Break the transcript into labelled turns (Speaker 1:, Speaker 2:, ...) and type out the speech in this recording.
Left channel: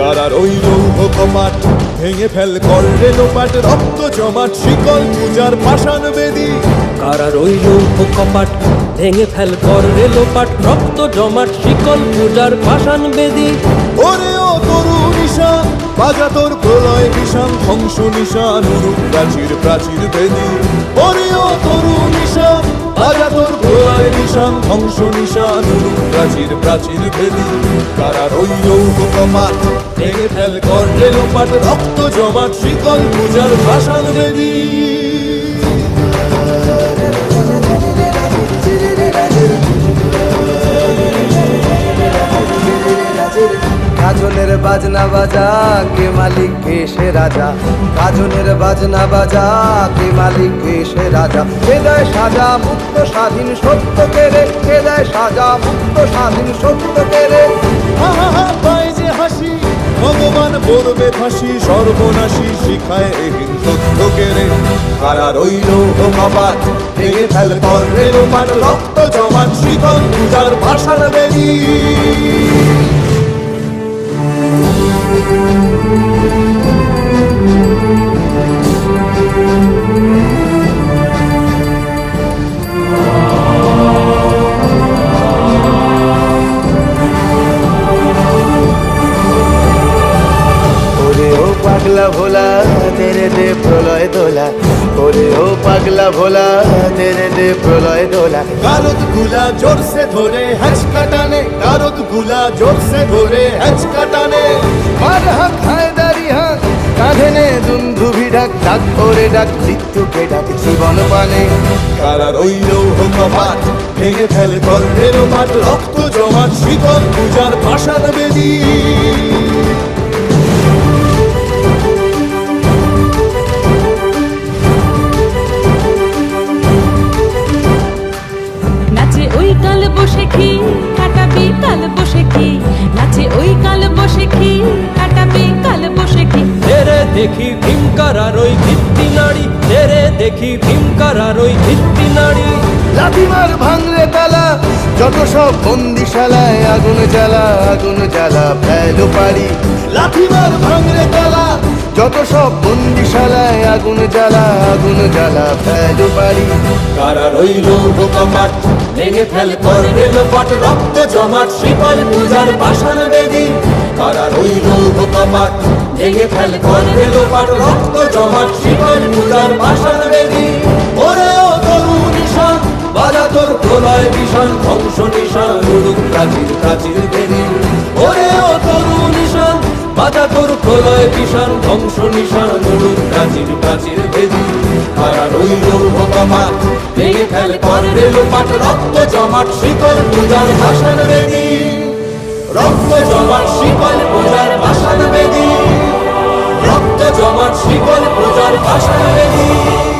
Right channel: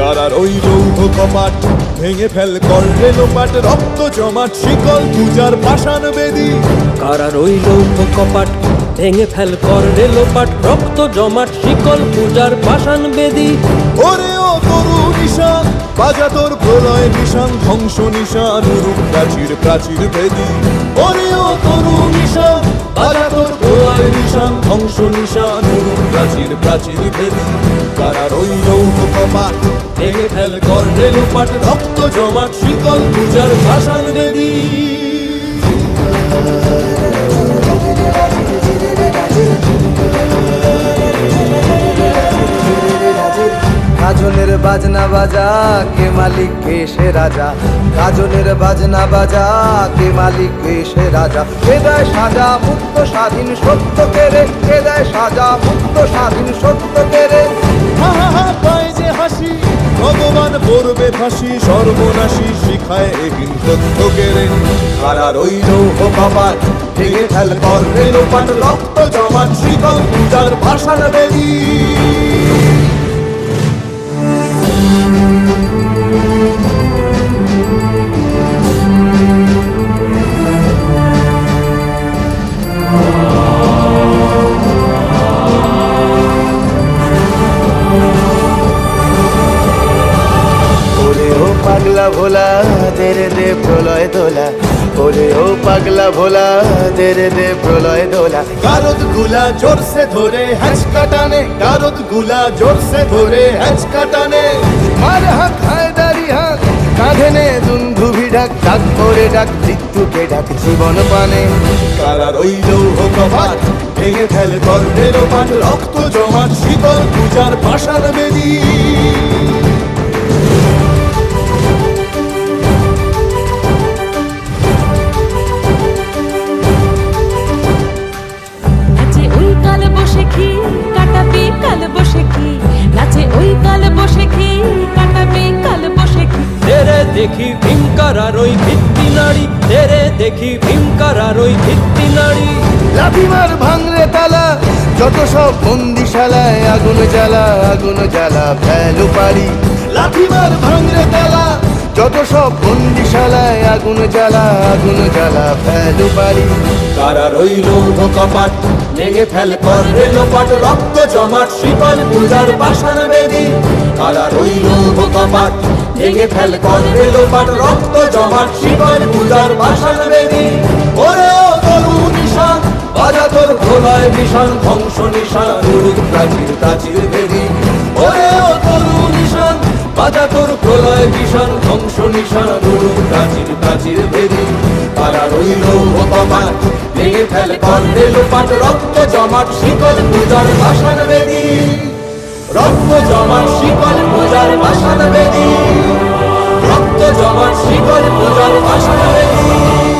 Speaker 1: কারার ওই লৌহ কপাট। ভেঙে ফেল কর রেলোপাট রক্ত জমাট শিকল পূজার পাষাণ বেদী।
Speaker 2: কারা লৌহ কপাট ভেঙে ফেল কর রেলোপাট রক্ত জমাট শিকল পূজার পাষাণ বেদী।
Speaker 1: ওরে ও তরু নিশান বাজা তোর প্রলয় বিষান ধ্বংস নিশান উরুপ প্রাচীর প্রাচীর ভেদি ওরে ও তরু নিশান বাজা তোর প্রলয় নিশান ধ্বংস নিশান উরুপ প্রাচীর প্রাচীর ভেদি কারা রইল কপাট ভেঙে ফেল কর রেলোপাট রক্ত জমাট শিকল পূজার ভাষান বেদী
Speaker 3: গাজনের বাজনা বাজা, কে মালিক, কে সে রাজা? গাজনের বাজনা বাজা, কে মালিক, কে সে রাজা? কে দেয় সাজা মুক্ত স্বাধীন সত্য কে রে? কে দেয় সাজা মুক্ত স্বাধীন সত্য কেরে
Speaker 1: হা হা হা পায় যে হাসি, ভগবান পড়বে ফাঁসি, সর্বনাশী শিখায় এহীন তথ্য কেড়ে কারা রইল কপাট ভেঙে ফেল কর রেলোপাট রক্ত জমাট শীতল পূজার ভাষার বেরি
Speaker 3: পাগলা ভোলা, দেরে দে প্রলয় দোলা। ওরে ও পাগলা ভোলা, দেরে দে প্রলয় দোলা।
Speaker 1: গারদগুলা জোরসে ধরে হ্যাচ কাটানে গারদগুলা জোরসে ধরে হ্যাচ কাটানে
Speaker 2: মার হাক হায়দারি হাক, কাঁধে নে দুন্ধুভি ডাক ডাক ওরে ডাক, মৃত্যুকে ডাক জীবন পানে।
Speaker 1: কারা রইল ও কপাট ভেঙে ফেল কর রেলোপাট রক্ত জমাট, শীতল পূজার ভাষার বেদী।
Speaker 4: বসে কি কাটাবি? কাল বসে কি? নাচে ওই কাল বসে কি কাটাবি? কাল বসে কি?
Speaker 2: তেরে দেখি ভীমকারার ওই ভিত্তি নাড়ি। তেরে দেখি ভীমকারার ওই ভিত্তি নাড়ি।
Speaker 1: লাথিমার ভাঙরে তালা যত সব বন্দিশালায় আগুন জ্বালা আগুন জ্বালা ফেলো পারি লাথিমার ভাঙরে তালা যত সব বন্দিশালায় আগুন জ্বালা আগুন জ্বালা ফেলো পারি কারা রইল কপাট ভেঙে ফেল কর রেলোপাট রক্ত জমাট শীতল পূজার পাষাণ বেদী। কারা রইল কপাট ভেঙে ফেল কর রেলোপাট রক্ত জমাট শীতল পূজার পাষাণ বেদী। ওরে ও তরু নিশান, বাজা তোর প্রলয় বিষাণ ধ্বংস নিশান, উড়ুক প্রাচীর প্রাচীর বেদী। ওরে ও তরু নিশান, বাজা তোর প্রলয় বিষাণ ধ্বংস নিশান, উড়ুক প্রাচীর প্রাচীর বেদী। কারা রইল কপাট ভেঙে ফেল কর রেলোপাট রক্ত জমাট শিকল পূজার ভাষণ বেদি। রক্ত জমাট শিকল পূজার ভাষণ বেদি। রক্ত জমাট শিকল পূজার ভাষণ বেদী।